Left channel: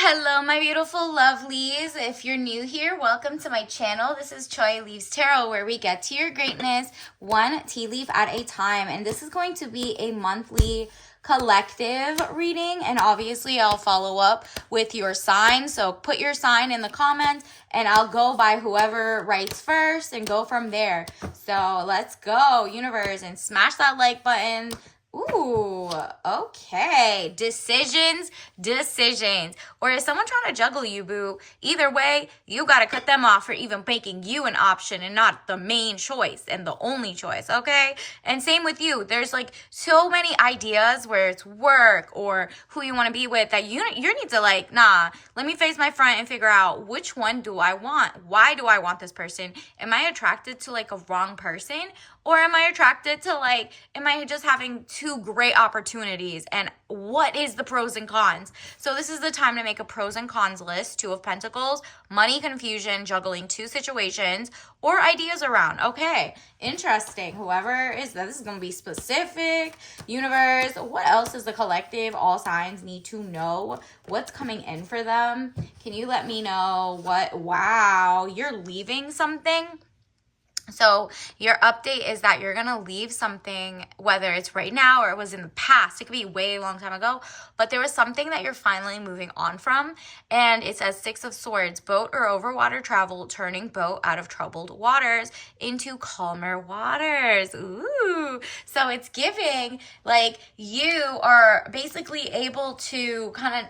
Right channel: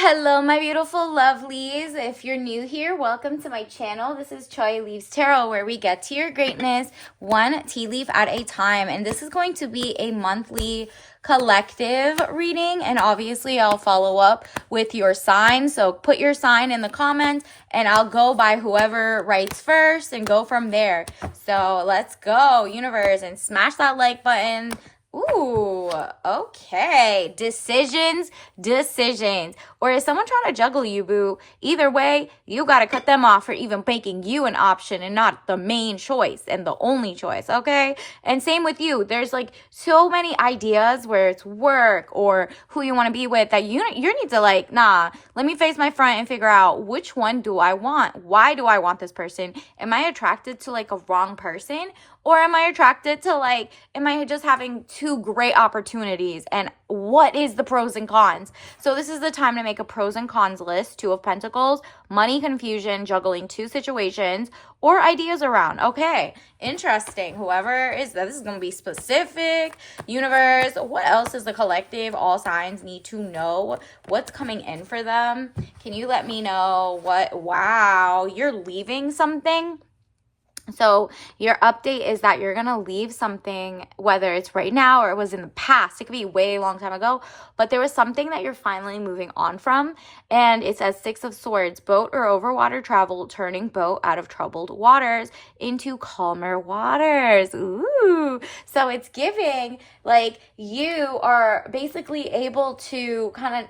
Hello, my beautiful lovelies. If you're new here, welcome to my channel. This is Choi Leaves Tarot, where we get to your greatness one tea leaf at a time. And this is going to be a monthly collective reading. And obviously, I'll follow up with your sign. So put your sign in the comments, and I'll go by whoever writes first and go from there. So let's go, universe, and smash that like button. Ooh, okay. Decisions. Or is someone trying to juggle you, boo? Either way, you got to cut them off for even making you an option and not the main choice and the only choice, okay? And same with you. There's like so many ideas where it's work or who you want to be with that you need to like, nah, let me face my front and figure out which one do I want? Why do I want this person? Am I attracted to like a wrong person? Or am I attracted to like, am I just having two great opportunities? And what is the pros and cons? So this is the time to make a pros and cons list. Two of Pentacles, money confusion, juggling two situations, or ideas around. Okay, interesting. Whoever is that, this is going to be specific. Universe, what else does the collective, all signs need to know? What's coming in for them? Can you let me know what, wow, you're leaving something? So your update is that you're going to leave something, whether it's right now or it was in the past. It could be way long time ago, but there was something that you're finally moving on from. And it says Six of Swords, boat or over water travel, turning boat out of troubled waters into calmer waters. Ooh. So it's giving like you are basically able to kind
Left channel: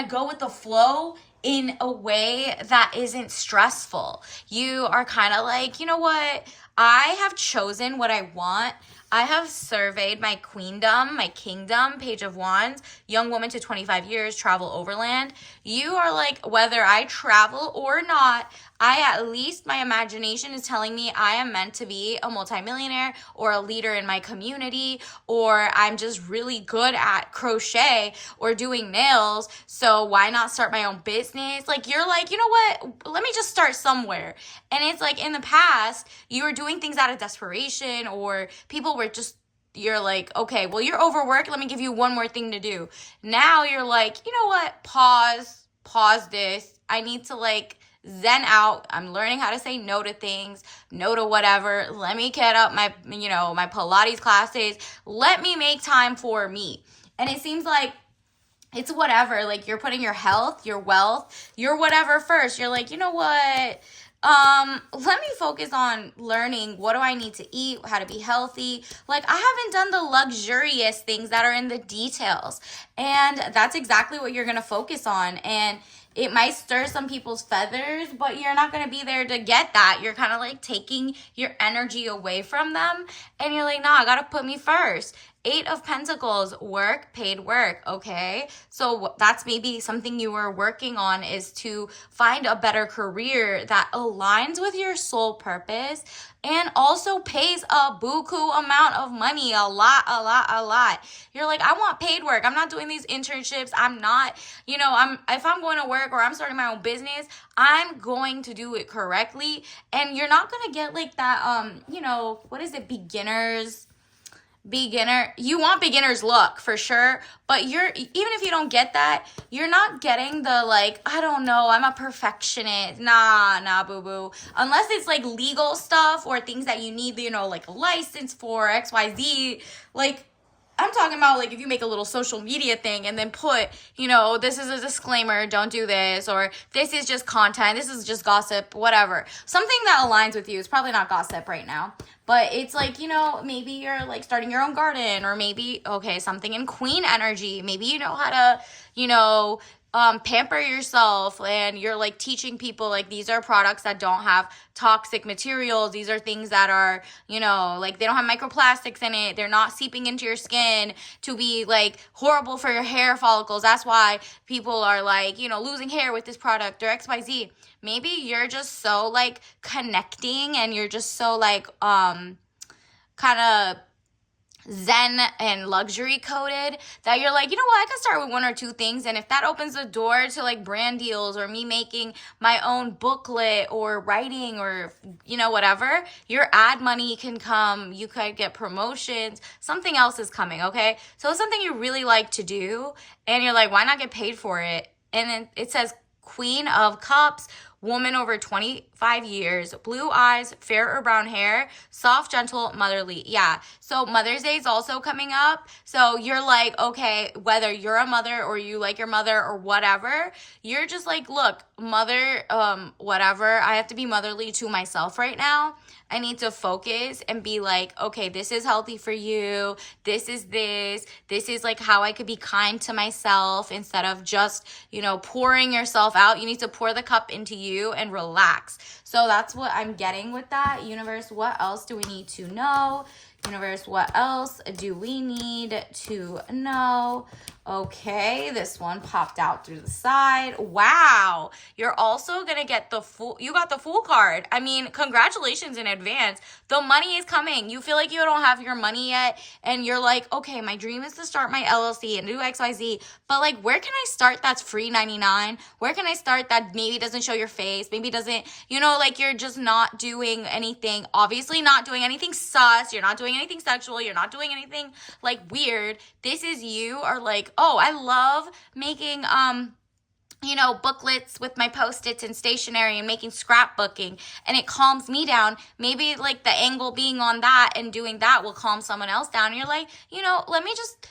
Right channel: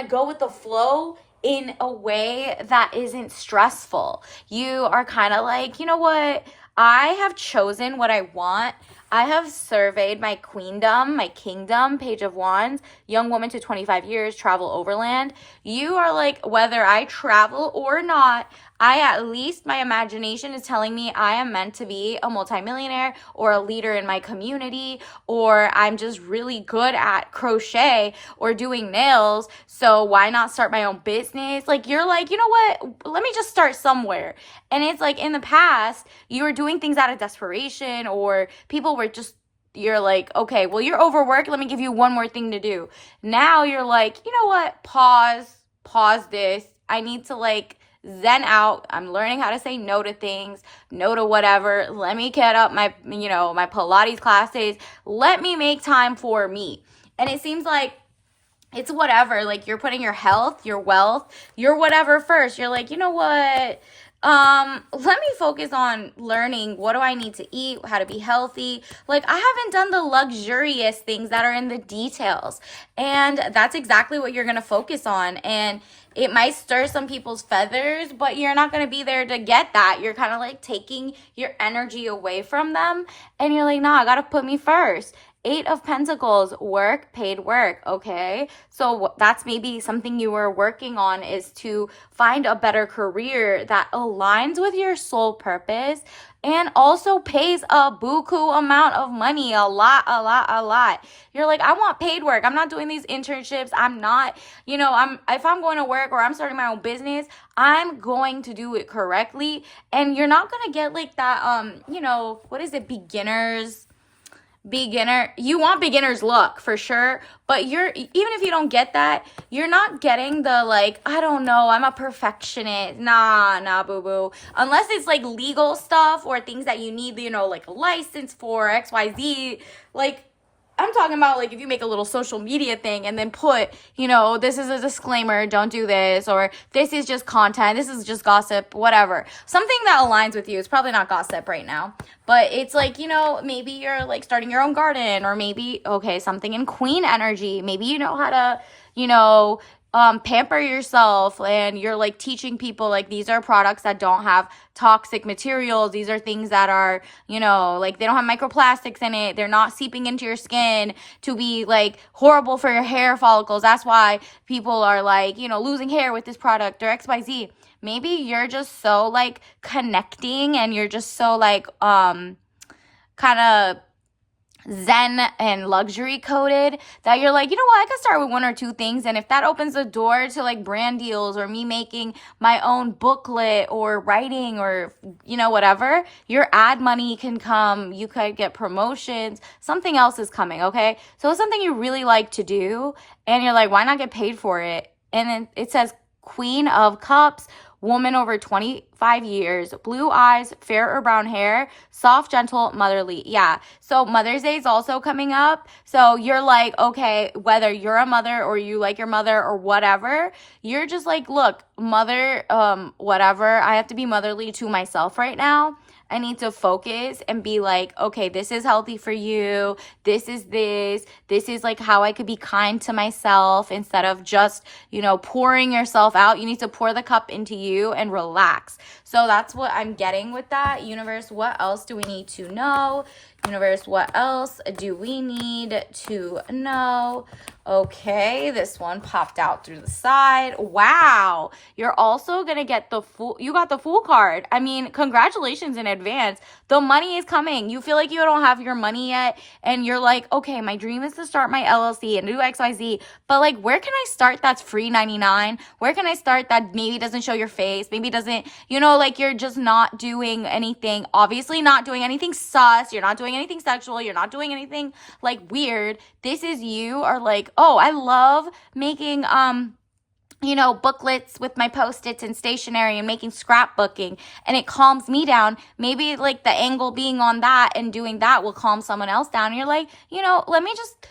of go with the flow in a way that isn't stressful. You are kind of like, you know what? I have chosen what I want. I have surveyed my queendom, my kingdom, Page of Wands, young woman to 25 years, travel overland. You are like, whether I travel or not, at least my imagination is telling me I am meant to be a multimillionaire or a leader in my community, or I'm just really good at crochet or doing nails. So why not start my own business? Like, you're like, you know what? Let me just start somewhere. And it's like in the past, you were doing things out of desperation, or people were just, you're like, okay, well, you're overworked. Let me give you one more thing to do. Now you're like, you know what? Pause this. I need to like zen out. I'm learning how to say no to things, no to whatever. Let me get up my, my Pilates classes. Let me make time for me. And it seems like it's whatever, like you're putting your health, your wealth, your whatever first. You're like, you know what? Let me focus on learning what do I need to eat, how to be healthy. Like, I haven't done the luxurious things that are in the details. And that's exactly what you're going to focus on. And it might stir some people's feathers, but you're not going to be there to get that. You're kind of like taking your energy away from them. And you're like, no, I got to put me first. Eight of Pentacles, work, paid work, okay? So that's maybe something you were working on, is to find a better career that aligns with your soul purpose and also pays a buku amount of money, a lot. You're like, I want paid work. I'm not doing these internships. I'm not, if I'm going to work or I'm starting my own business, I'm going to do it correctly. And you're not going to get like that, what is it, you want beginner's luck for sure, but even if you don't get that, you're not getting the like, I don't know, I'm a perfectionist. Nah, boo-boo. Unless it's like legal stuff or things that you need, like a license for XYZ. Like, I'm talking about like if you make a little social media thing and then put, this is a disclaimer, don't do this, or this is just content, this is just gossip, whatever. Something that aligns with you. It's probably not gossip right now, but it's like, maybe you're like starting your own garden, or maybe, okay, something in queen energy. Maybe you know how to, pamper yourself, and you're like teaching people like these are products that don't have toxic materials. These are things that are, like they don't have microplastics in it. They're not seeping into your skin to be like horrible for your hair follicles. That's why people are like, losing hair with this product or XYZ. Maybe you're just so like connecting, and you're just so like kind of zen and luxury coded that you're like, you know what, I can start with one or two things, and if that opens the door to like brand deals or me making my own booklet or writing or whatever, your ad money can come, you could get promotions, something else is coming, okay? So it's something you really like to do, and you're like, why not get paid for it? and then it says Queen of Cups, woman over 25 years, blue eyes, fair or brown hair, soft, gentle, motherly. Yeah. So Mother's Day is also coming up. So you're like, okay, whether you're a mother or you like your mother or whatever, you're just like, look, mother, whatever. I have to be motherly to myself right now. I need to focus and be like, okay, this is healthy for you. This is like how I could be kind to myself instead of just, pouring yourself out. You need to pour the cup into you and relax. So that's what I'm getting with that. Universe, what else do we need to know? Universe, what else do we need to know? Okay, this one popped out through the side. Wow. You're also going to get you got the Fool card. I mean, congratulations in advance. The money is coming. You feel like you don't have your money yet, and you're like, okay, my dream is to start my LLC and do XYZ, but like, where can I start that's free 99? Where can I start that maybe doesn't show your face, maybe doesn't, like you're just not doing anything, obviously not doing anything sus, you're not doing anything sexual, you're not doing anything like weird. This is you are like, oh, I love making booklets with my Post-its and stationery and making scrapbooking, and it calms me down. Maybe like the angle being on that and doing that will calm someone else down. And you're like, let me just,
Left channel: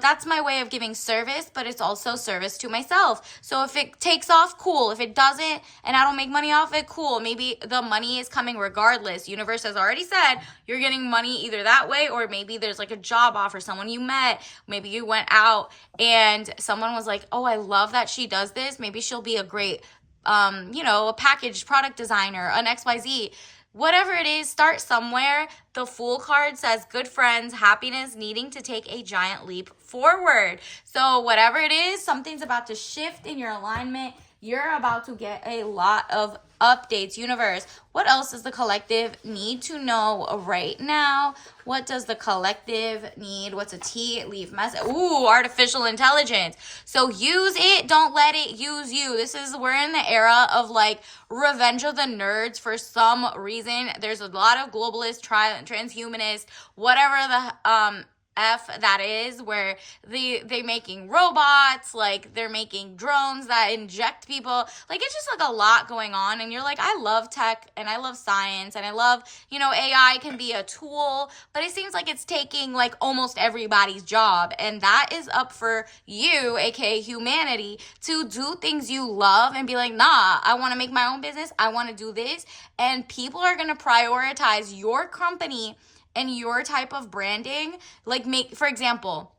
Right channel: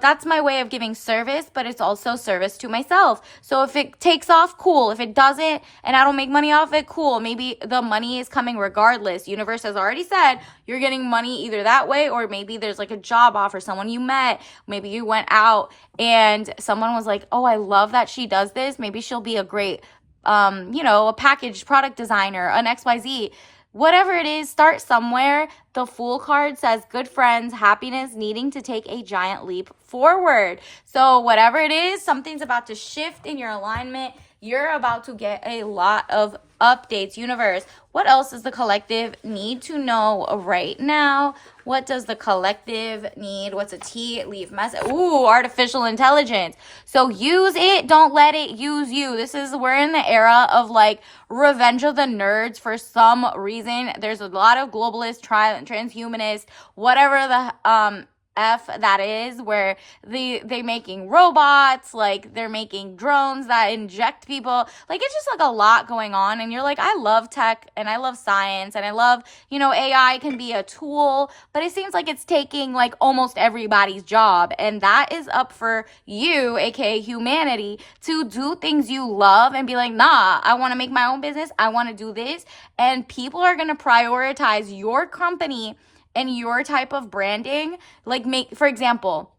that's my way of giving service, but it's also service to myself. So if it takes off, cool. If it doesn't and I don't make money off it, cool. Maybe the money is coming regardless. Universe has already said you're getting money either that way, or maybe there's like a job offer, someone you met, maybe you went out and someone was like, oh, I love that she does this. Maybe she'll be a great, a packaged product designer, an XYZ. Whatever it is, start somewhere. The Fool card says good friends, happiness, needing to take a giant leap forward. So whatever it is, something's about to shift in your alignment. You're about to get a lot of updates. Universe, what else does the collective need to know right now? What does the collective need? What's a tea leaf message? Ooh, artificial intelligence. So use it. Don't let it use you. We're in the era of like Revenge of the Nerds for some reason. There's a lot of globalist, transhumanists, whatever the F that is, where they making robots, like they're making drones that inject people. Like it's just like a lot going on, and you're like, I love tech and I love science and I love, AI can be a tool, but it seems like it's taking like almost everybody's job, and that is up for you, aka humanity, to do things you love and be like, nah, I want to make my own business, I want to do this, and people are going to prioritize your company and your type of branding. Like, for example,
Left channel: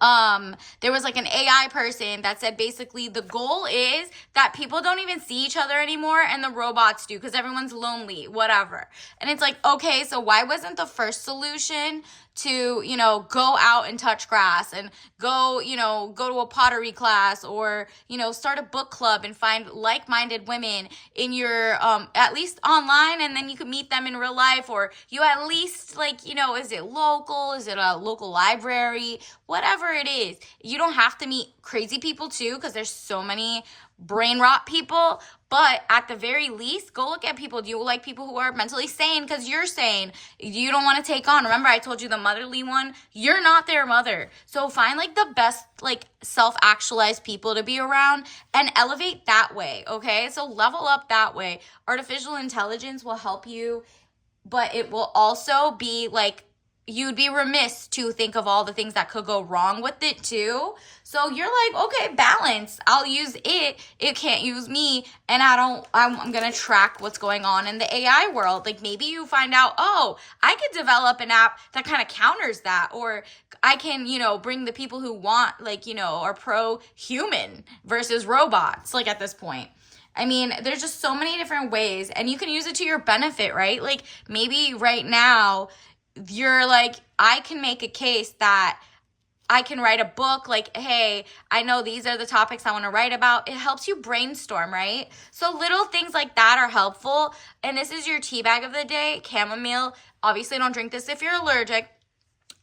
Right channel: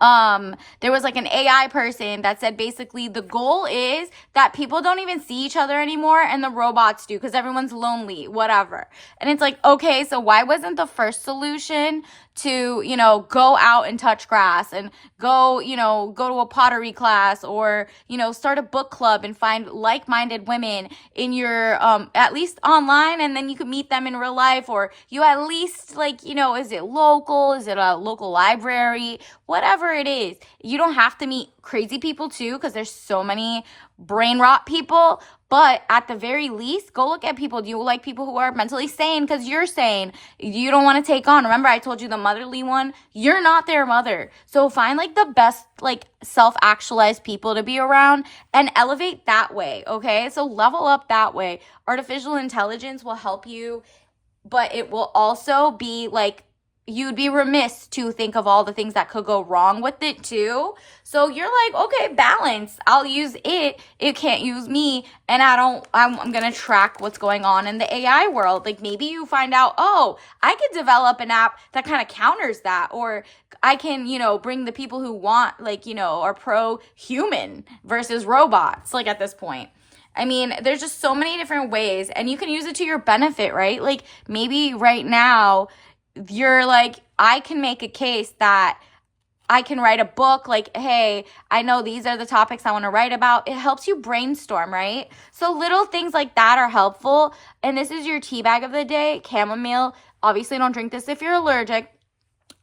there was like an AI person that said basically the goal is that people don't even see each other anymore and the robots do because everyone's lonely, whatever. And it's like, okay, so why wasn't the first solution to, go out and touch grass and go to a pottery class, or, start a book club and find like-minded women in your, at least online, and then you could meet them in real life, or you at least like, is it local? Is it a local library? Whatever it is. You don't have to meet crazy people too, because there's so many brain rot people, but at the very least, go look at people. Do you like people who are mentally sane because you're sane? You don't want to take on, remember I told you the motherly one? You're not their mother. So find like the best like self-actualized people to be around and elevate that way, okay? So level up that way. Artificial intelligence will help you, but it will also be like, you'd be remiss to think of all the things that could go wrong with it too. So you're like, okay, balance. I'll use it. It can't use me. And I'm going to track what's going on in the AI world. Like maybe you find out, oh, I could develop an app that kind of counters that. Or I can, bring the people who want, like, are pro-human versus robots, like at this point. I mean, there's just so many different ways, and you can use it to your benefit, right? Like maybe right now, you're like, I can make a case that I can write a book, like, hey, I know these are the topics I want to write about. It helps you brainstorm, right? So little things like that are helpful. And this is your tea bag of the day, chamomile. Obviously, don't drink this if you're allergic.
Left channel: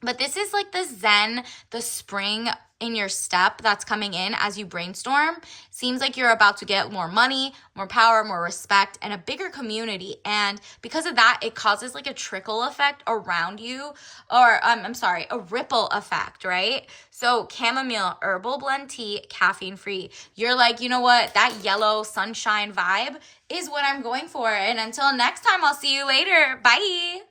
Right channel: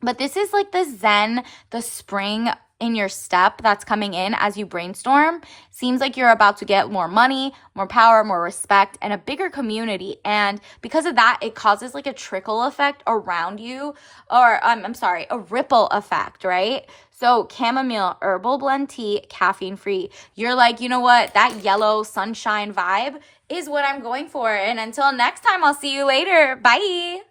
But this is like the Zen, the spring in your step that's coming in as you brainstorm. Seems like you're about to get more money, more power, more respect, and a bigger community. And because of that, it causes like a trickle effect around you, or I'm sorry, a ripple effect, right? So chamomile herbal blend tea, caffeine free. You're like, you know what? That yellow sunshine vibe is what I'm going for. And until next time, I'll see you later. Bye.